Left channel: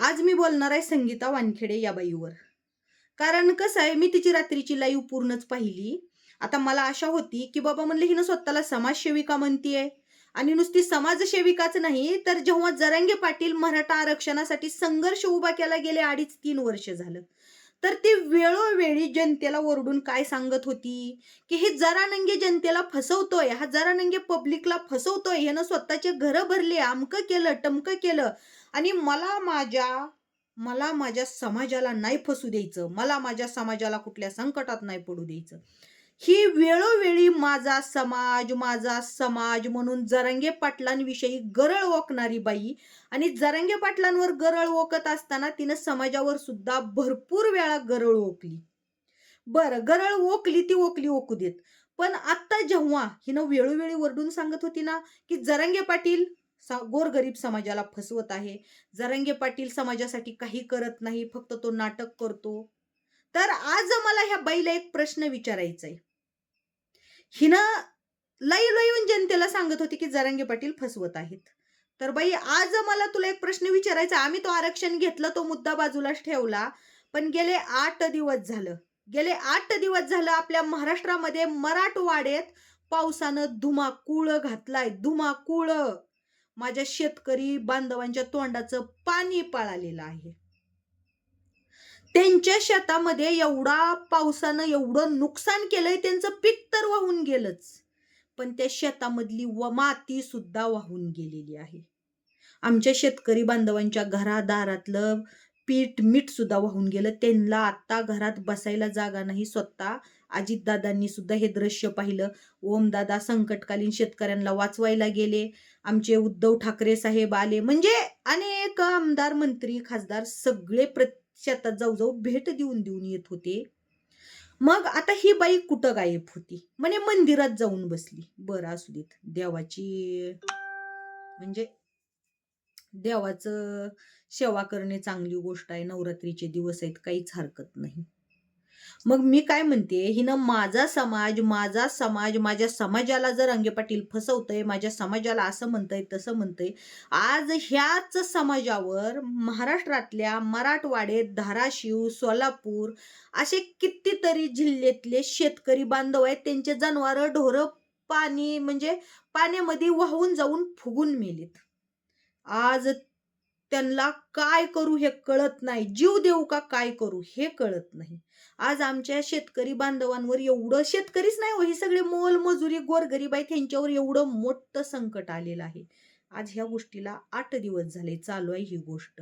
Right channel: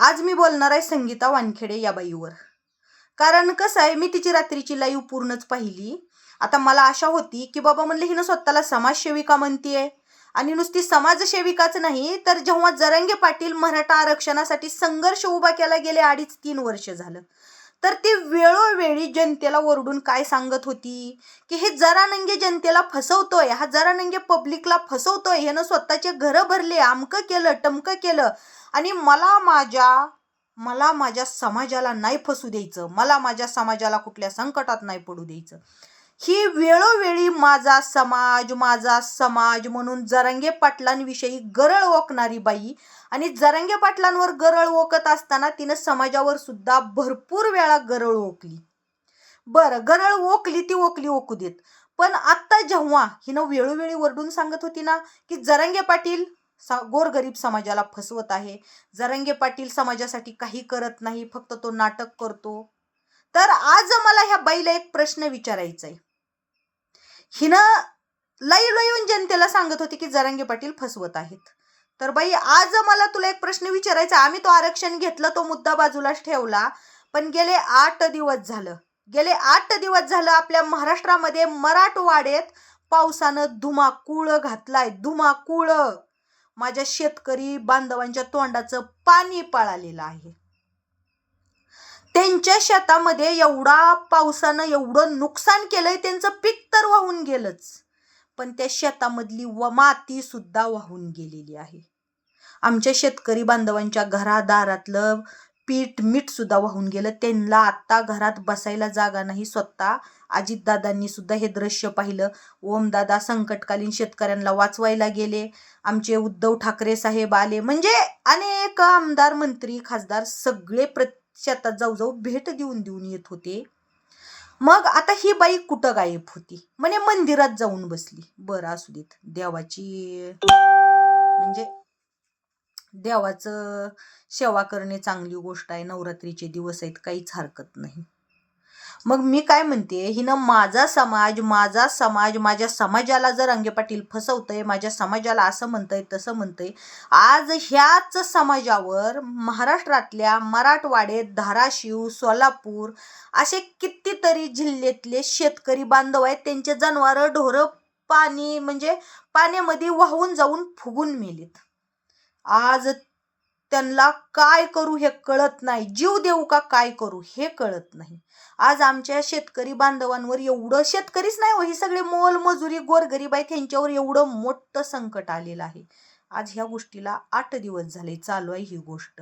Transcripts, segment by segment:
आज मी बोलणार आहे संगीता वानखेडे या बाईवर. कारण कसं आहे मी तिची रात्रीची लाईव्ह पूर्णच पाहिली. आता मला आशा होती की बाबा म्हणलं हिनं स्वतःला समाजसेविका म्हणतीये. आणि नुसती समाजसेविकाच नाही तर जेव्हा जरंगे पाटील मराठा आरक्षणासाठी संघर्ष उभा केला गेले अडीच तीन वर्ष झालं. तर ती वेळोवेळी जनतेला ओरडून काय सांगत होती? की हे जरानंगे जनतेला फसवतोय हा जरानंगे पब्लिकला फसवतोय ह्यानं स्वतःचे घरं भरले आमकं केलं टमकं केलं. आणि मला माझ्या मला माझ्या समाजाला नाही फसू द्यायचं. मला माझ्या समाजाला कुठल्या संकटात नाही पडू द्यायचं. ही वेळोवेळी माझा समाज माझा समाज म्हणून जरंगे पाटलांविषयी गरळ ओकणारी बाई आणि जरंगे पाटलांवर गरळ ओकत असताना तिनं समाजावर सुद्धा भरपूर वेळा गरळ ओकली. बरं गरळ ओकली ती ओकली ओकू देत. पण आत्ता जेव्हा हिनं वेळोवेळी वरडून सांगत होती ना की जरंगे पाटील सा गोरगरीब समाजाला फसवत आहे जरंगे पाटील समाजासाठी काही करत नाही फक्त तो नाटक करतो. तर आज मला ह्या बाईला एक प्रश्न विचारायचा आहे हिनं लई येऊन जनतेला सांगत होती की जरंगे पाटील फसवत आहेत. तर बाई आज मला तुला एक प्रश्न विचारायचा. आम्ही तो आरक्षण घेतलं तो मुद्दा बाजूलाच ठेवला. पण गेले आठ दिवस झालं. गेले आठ दिवस झालं आपल्या महाराष्ट्रामध्ये मराठवाड्यात पावसानं धुमाकूळ घातलाय. धुमाकूळ. माझ्या शेतकरी बांधवांच्या तोंडाचं पाणी पळालेलं आहे. त्यांच्या शेतामध्ये एवढा पावसानं एवढं नुकसान केलंय त्यांचं पीक तर वाहून गेलंच. पण त्या शेतामधली व माती सुद्धा वाहून गेलेली आहे. आमच्या शेतकरी बांधवांच्या घरादारातलं पीठ मीठ सुद्धा वाहून गेलं. त्यांना आत्ता घरात बसायला जागा नाही. स्वतः अजितदादांनी सुद्धा हे दृश्य पाहिलं. ओमदादा संकटकालीन शेतकऱ्यांना वाचवायला गेले. आमचे उद्धव ठाकरे साहेब आले. म्हणजे अनेक आमदार मंत्री खासदार सगळे प्र शेतात जाऊ जाऊ भेट देऊन देऊन येत होते. मग आता ही बाई कुठं गायब होती? म्हणे मंदिरात जाऊन बसली. बरं असू देत. देवाची म्हणजे देवाचं सेवा करणे चांगली गोष्ट आहे. नवरात्रीचे दिवस आहेत. काहीच हरकत नाही. मग मी काय म्हणते हिनं माझा समाज माझा समाज माझ्या समाजाला जर अंगे पाटील फसवतंय माझ्या समाजाला असं म्हणतंय तसं म्हणतंय आज ह्याच समाजावर महाराष्ट्रातल्या मराठवाड्यात धाराशिव सोलापूर असे कितीतरी जिल्ह्यातले शेतकरी बांधव आहेत त्यांचे जनावरं ढोरं पाणी म्हणजे पाण्यामध्ये वाहून जाऊन फुगून मेलेत. आज त्यांना काय करू हे कळत नाही जीव देऊ का काय करू हे कळत नाही. आज आमच्या शेतकरी बांधवांवर एवढं शेतकरीच नाही हो ही सगळे मोल मजुरी गोरगरीब आहेत त्यांच्यावर एवढं मोठं संकट आलेलं आहे. आज ह्या गोष्टीला आठ दिवस झाले चालू आहे ही गोष्ट.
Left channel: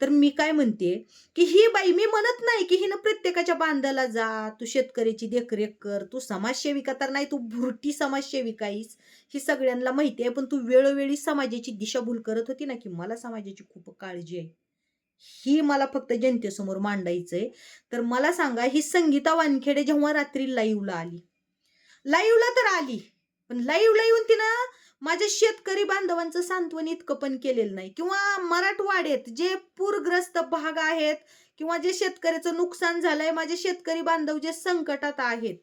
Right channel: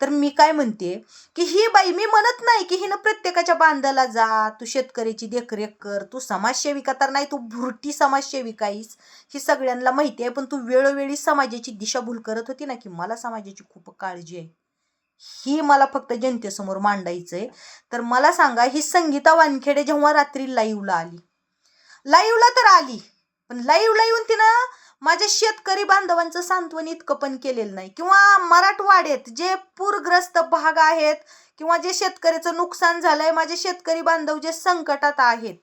तर मी काय म्हणते की ही बाई मी म्हणत नाही की हिनं प्रत्येकाच्या बांधाला जा तू शेतकऱ्याची देखरेख कर तू समाजसेविका तर नाही तू भुरटी समाजसेविका आहेस. ही सगळ्यांना माहिती आहे पण तू वेळोवेळी समाजाची दिशाभूल करत होती ना की मला समाजाची खूप काळजी आहे. ही मला फक्त जनतेसमोर मांडायचंय. तर मला सांगा ही संगीता वानखेडे जेव्हा रात्री लाईव्हला आली? लाईव्हला तर आली पण लाईव्हला येऊन तिनं माझ्या शेतकरी बांधवांचं सांत्वन इतकं पण केलेलं नाही. किंवा मराठवाड्यात जे पूरग्रस्त भाग आहेत किंवा जे शेतकऱ्याचं नुकसान झालंय माझे शेतकरी बांधव जे संकटात आहेत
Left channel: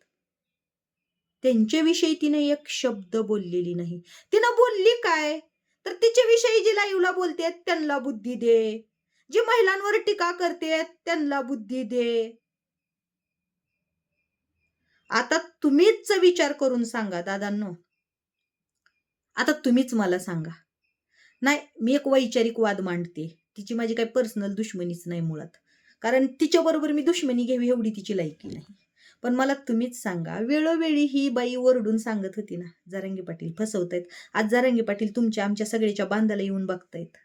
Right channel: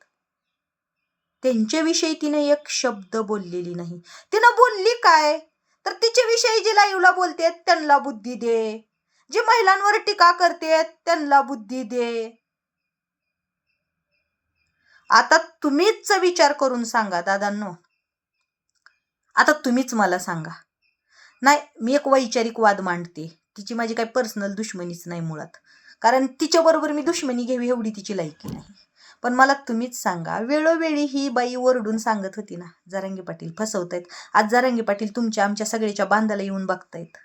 त्यांच्याविषयी तिने एक शब्द बोललेली नाही. तिनं बोलली काय? तर तिच्याविषयी जे लाईव्हला बोलते त्यांना बुद्धी दे. जे महिलांवर टीका करते त्यांना बुद्धी दे. आता तुम्हीच विचार करून सांगा दादांनो. आता तुम्हीच मला सांगा. नाही मी एक वैचारिक वाद मांडते. तिची माझी काही पर्सनल दुश्मनीच नाही मुळात. कारण तिच्याबरोबर मी दुश्मनी घ्यावी एवढी तिची लायकी नाही. पण मला तुम्हीच सांगा वेळोवेळी ही बाई ओरडून सांगत होती ना जारंगी पाटील फसवतायत. आज जारंगी पाटील तुमच्या आमच्या सगळ्याच्या बांधाला येऊन बघतायत.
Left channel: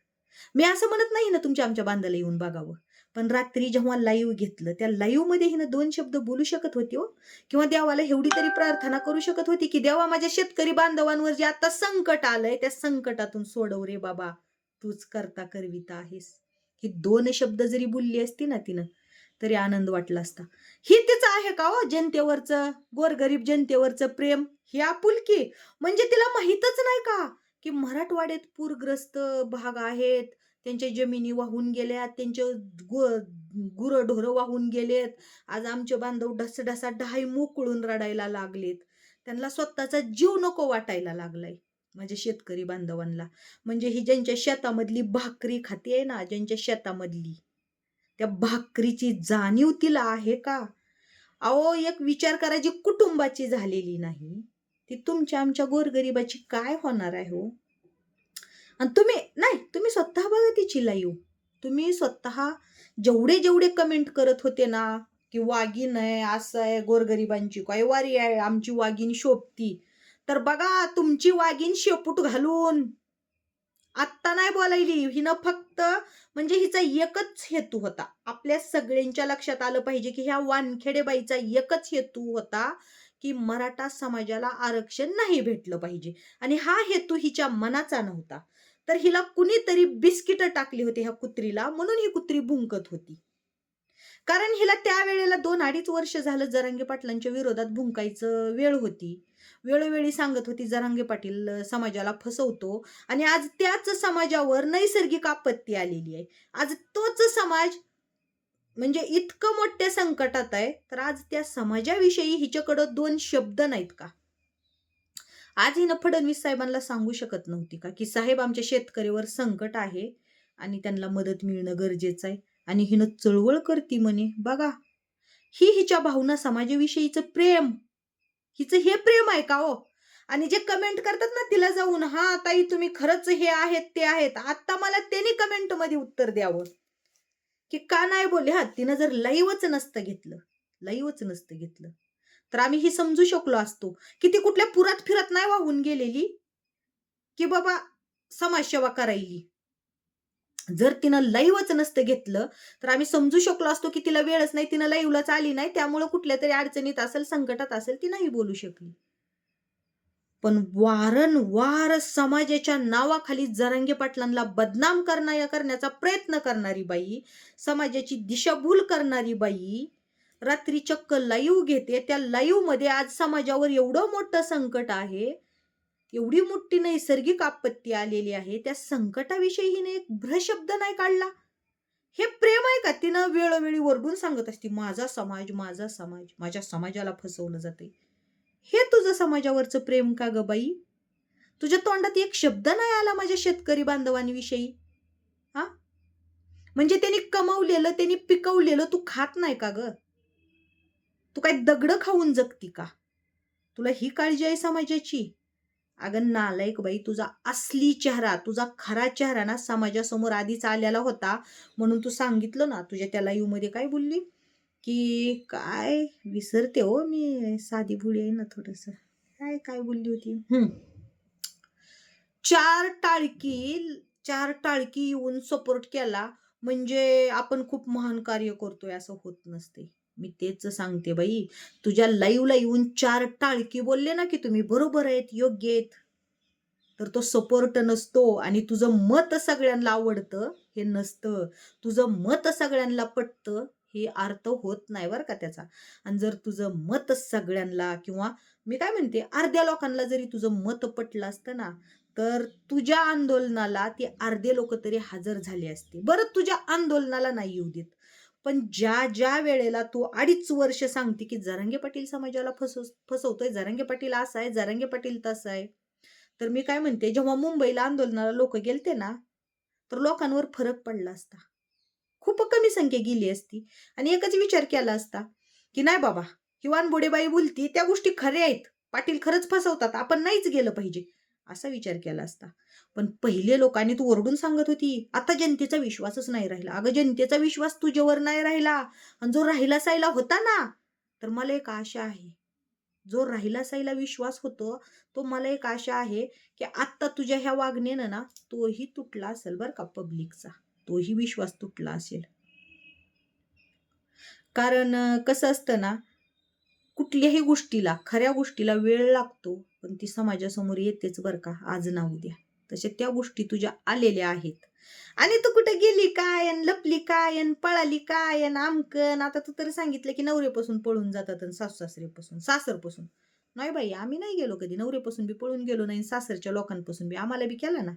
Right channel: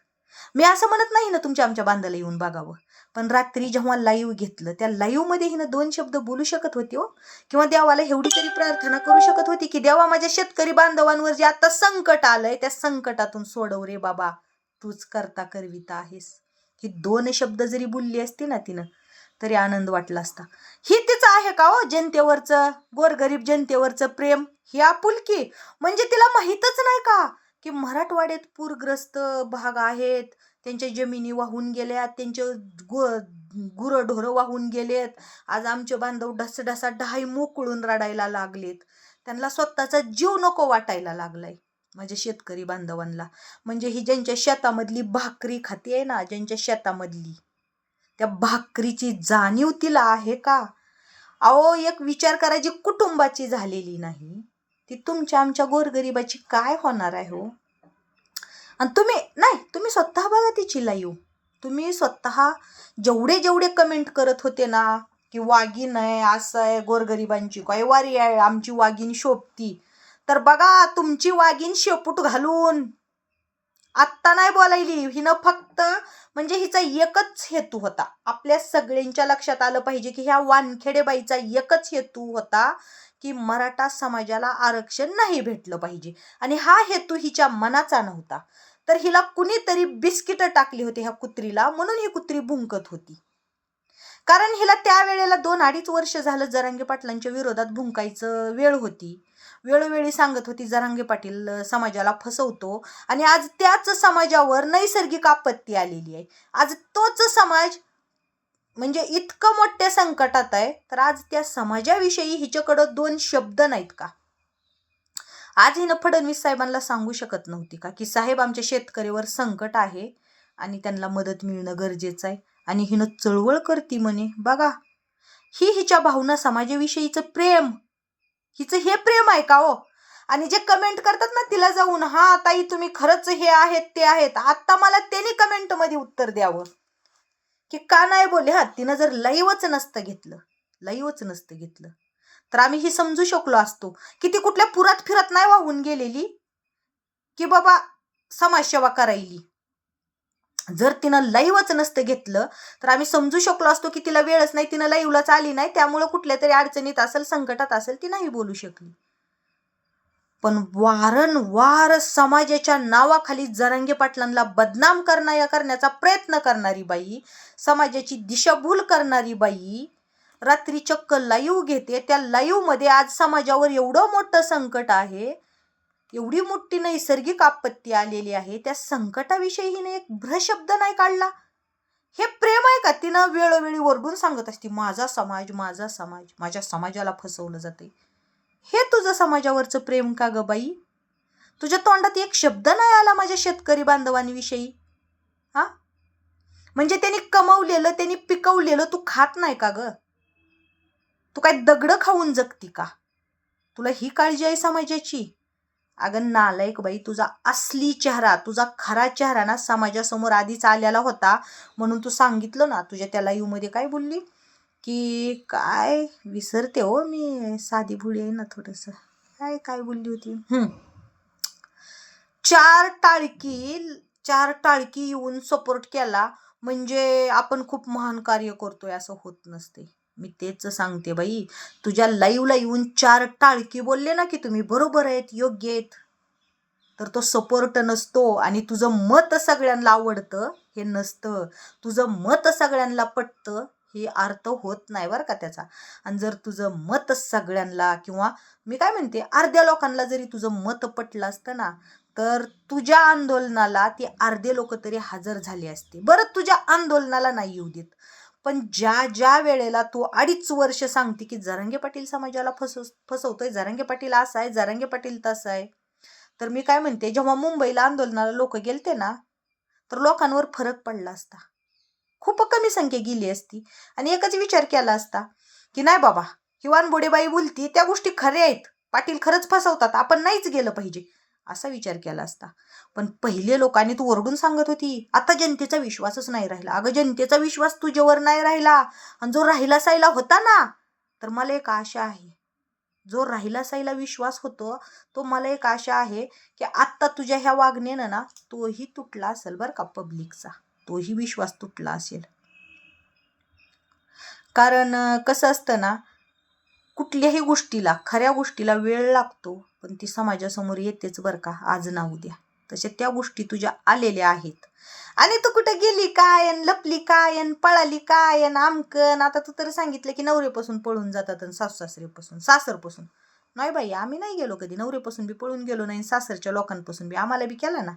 मी असं म्हणत नाही ना तुमच्या आमच्या बांधाला येऊन बघावं. पण रात्री जेव्हा लाईव्ह घेतलं त्या लाईव्हमध्ये हिनं दोन शब्द बोलू शकत होती हो. किंवा देवाला एवढी तरी प्रार्थना करू शकत होती की देवा माझ्या शेतकरी बांधवांवर जे आता संकट आलंय त्या संकटातून सोडव रे बाबा. तूच करता करविता आहेस. ही दोन शब्द जरी बोलली असती ना तिनं तरी आनंद वाटला असता. ही तिचं आहे का हो जनतेवरचं गोरगरीब जनतेवरचं प्रेम? ही आपुलकी? म्हणजे तिला माहीतच नाही का की मराठवाड्यात पूरग्रस्त भाग आहेत त्यांच्या जमिनी वाहून गेल्यात त्यांचे गु गुरंढोरं वाहून गेलेत. आज आमचे बांधव ढसढसा ढाई मोकळून रडायला लागलेत. त्यांना स्वतःचा जीव नको वाटायला लागलाय माझ्या शेतकरी बांधवांना. म्हणजे ही ज्यांच्या शेतामधली भाकरी खाती आहे ना ज्यांच्या शेतामधली त्या भाकरीची जाणीव तिला आहे का? अहो एक विचार करा जी कुटुंबाची झालेली नाही ती तुमच्या आमच्या गोरगरिबाची काय होणार आहे हो? आणि तुम्ही नाही तुम्ही स्वतः बघा तिची लाईव तुम्ही स्वतः जेवढे जेवढे कमेंट करत होते ना की वाघीण आहे असं आहे गोरगरिबांची काय वारी आहे आमची वाघीण शोभती. तर बघा तुमची वाघीण शेपूट घालून. आत्ता नाही बोलायली हिनं फक्त म्हणजे हिचा एकच हेतू होता. आपल्या सगळ्यांच्या लक्षात आलं पाहिजे की ह्या वानखेडेबाईचा एकच हेतू होता की मराठा समाजाला आरक्षण नाही भेटलं पाहिजे. आणि हा हेतू हिच्या मनाचा नव्हता. तर हिला कुणीतरी बिस्किट टाकली होती ह्या कुत्रीला म्हणून ही कुत्री भुंकत होती. कारण हिला त्यावेळेला दोन अडीच वर्ष झालं जरांगे पाटलांच्या विरोधात भुंकायचं वेळ होती. वेळोवेळी सांगत होती जरांगे पाटील समाजाला फसवतो आणि आज त्याच समाजावर नैसर्गिक आपत्ती आलेली आहे. आज तोच समाज म्हणजे इतकं मोठ्या संकटात आहे तर आज त्या समाजाविषयी हिच्याकडं दोन शब्द नाहीत का? आज हिनं फडणवीस साहेबांना सांगू शकत नव्हती का की साहेब आमच्या शेतकऱ्यावर संकट आहे आणि त्यांना मदत मिळणं गरजेचं आहे आणि हिनं चळवळ करती म्हणे. बघा ही हिच्या भावना समाजाविषयीचं प्रेम. हिचं हे प्रेम आहे का हो? आणि जे कमेंट करतात ना तिला जाऊन हा ताई तुम्ही खरंच हे आहेत ते आहेत. आत्ता मला त्यांनी कमेंटमध्ये उत्तर द्यावं. की का नाही बोले हा तिनं जर लईवच नसतं घेतलं लईवच नसतं घेतलं. तर आम्ही ही समजू शकलो असतो की ती कुठल्या पुरात फिरत नाही वाहून गेलेली की बाबा समाजसेवा करायली. जर तिनं लाईव्हच नसतं घेतलं तर आम्ही समजू शकलो असतो की तिला वेळच नाही तिनं लाईव्हलाच आली नाही त्यामुळे कुठल्या तरी अडचणीत असेल संकटात असेल ती नाही बोलू शकली. पण वारंवार समाजाच्या नावाखाली जरांगे पाटलांना बदनाम करण्या करण्याचा प्रयत्न करणारी बाई समाजाची दिशाभूल करणारी बाई रात्री चक्क लाईव्ह घेते. त्या लाईव्हमध्ये आज समाजावर एवढं मोठं संकट आहे. एवढी मोठी नैसर्गिक आपत्ती आलेली आहे. त्या संकटाविषयी हिने एक भ्रशब्द नाही काढला. हे प्रेम आहे का? तिनं वेळोवेळी ओरडून सांगत असते माझा समाज माझा समाज माझ्या समाजाला फसवलं जाते हे तुझं समाजावरचं प्रेम का ग बाई? तुझ्या तोंडात एक शब्द नाही आला माझ्या शेतकरी बांधवांविषयी? हा? म्हणजे त्यांनी कमवलेलं त्यांनी पिकवलेलं तू खात नाही का ग? तू काय दगडं खाऊन जगती का? तुला ही काळजी आहे समाजाची? अगं नालायक बाई तुझा असली चेहरा तुझा खरा चेहरा ना समाजासमोर आधीच आलेला होता म्हणून तू सांगितलं ना. तुझ्या त्या लाईव्हमध्ये काय बोलली? की काय विसरते हो मी साधी भुळी आहे ना थोडंसं. काय काय बोलली होती? चार टाळकी चार टाळकी येऊन सपोर्ट केला म्हणजे आपण खूप महान कार्य करतोय असं होत नसते. मी तेच सांगते बाई. तुझ्या लाईवला येऊन चार टाळकी बोलले ना की तुम्ही बरोबर आहेत योग्य आहेत. तर तो सपोर्ट नसतो आणि तुझं मत सगळ्यांना आवडतं हे नसतं. तुझं मत सगळ्यांना पटतं हे अर्थ होत नाही बरं का त्याचा. आणि जर तुझं मत सगळ्यांना किंवा मी काय म्हणते अर्ध्या लोकांना जरी तुझं मत पटलं असतं ना तर तुझ्या आंदोलनाला ते अर्धे लोक तरी हजर झाले असते. बरं तुझ्या आंदोलनाला नाही येऊ देत. पण ज्या ज्या वेळेला तू अडीच वर्ष सांगते की जरांगे पाटील समाजाला फसव फसवतोय जरांगे पाटील असं आहे जरांगे पाटील तसं आहे तर मी काय म्हणते जेव्हा मुंबईला आंदोलनाला लोक गेलते ना तर लोकांवर फरक पडला असता. खूप कमी संख्या गेली असती. आणि एकच विचार केला असता की नाही बाबा ही वानबोडेबाई बोलती त्या गोष्टी खऱ्या आहेत पाटील खरंच फसवतात आपण नाहीच गेलं पाहिजे असा विचार केला असता. पण पहिले लोकांनी तू ओरडून सांगत होती. आता जनतेचा विश्वासच नाही राहिला. अगं जनतेचा विश्वास तुझ्यावर नाही राहिला. आणि जो राहिला सायला होता ना तर मला एक आशा आहे. जो राहिला सायला विश्वास होतो तो मला एक आशा आहे की आत्ता तुझ्या ह्या वागण्यानं ना तोही तुटला असेल बरं का पब्लिकचा तोही विश्वास तुटला असेल. कारण कसं असतं ना कुठल्याही गोष्टीला खऱ्या गोष्टीला वेळ लागतो पण ती समाजासमोर येतेच बरं का. आज ना उद्या. तसे त्या गोष्टी तुझ्या आलेल्या आहेत. आणि तू कुठे गेली काय आणि लपली काय अन पळाली काय अन आमकन? आता तू तर सांगितलं की नवरेपासून पळून जातात आणि सासू सासरेपासून सासरपासून. नाही बाई आम्ही नाही गेलो कधी. नवरेपासून बी पळून गेलो नाही सासरच्या लोकांपासून बी. आम्हाला बी केला ना.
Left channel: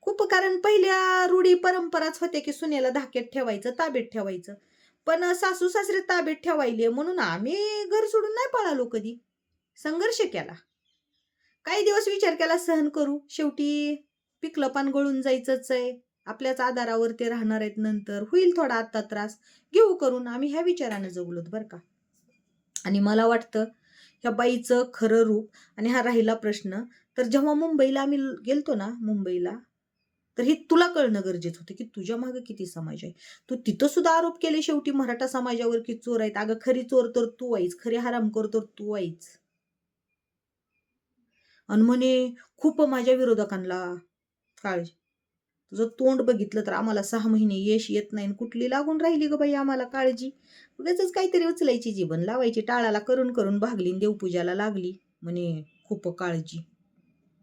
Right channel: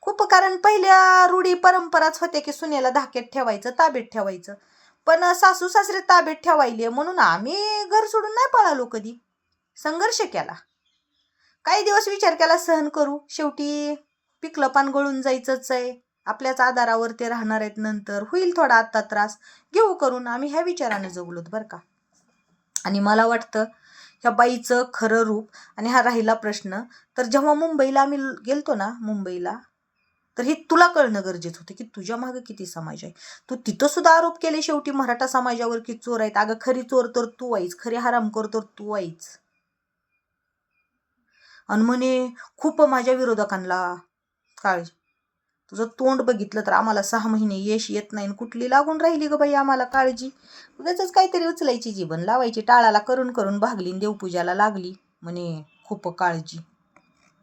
खूप कारण पहिल्या रूढी परंपराच होत्या की सुनेला धाक्यात ठेवायचं ताब्यात ठेवायचं. पण सासू सासरे ताब्यात ठेवायले म्हणून आम्ही घर सोडून नाही पळालो कधी. संघर्ष केला. काही दिवस विचार केला सहन करू. शेवटी पिकलं पान गळून जायचंच आहे. आपल्याच आधारावर ते राहणार आहेत नंतर. होईल थोडा आत्ता त्रास. घेऊ करून आम्ही ह्या विचाराने जगलोत बरं का. आणि मला वाटतं ह्या बाईचं खरं रूप आणि हा राहिला प्रश्न तर जेव्हा मुंबईला आम्ही गेलतो ना मुंबईला तर हे तुला कळणं गरजेचं होतं की तुझ्या मागे किती समाज आहे. तू तिथं सुद्धा आरोप केले शेवटी मराठा समाजावर की चोर आहेत. अगं खरी चोर तर तू आईच खरी हरामखोर तर तू आईच आणि म्हणे खूप माझ्या विरोधकांना काळजी. तुझं तोंड बघितलं तर आम्हाला सहा महिने यश येत नाही आणि कुठली लागून राहिली ग बाई आम्हाला काळजी? उगाच काहीतरी उचलायची जीवन लावायची टाळाला करून करून भागली देवपूजाला लागली. म्हणे खूप काळजी.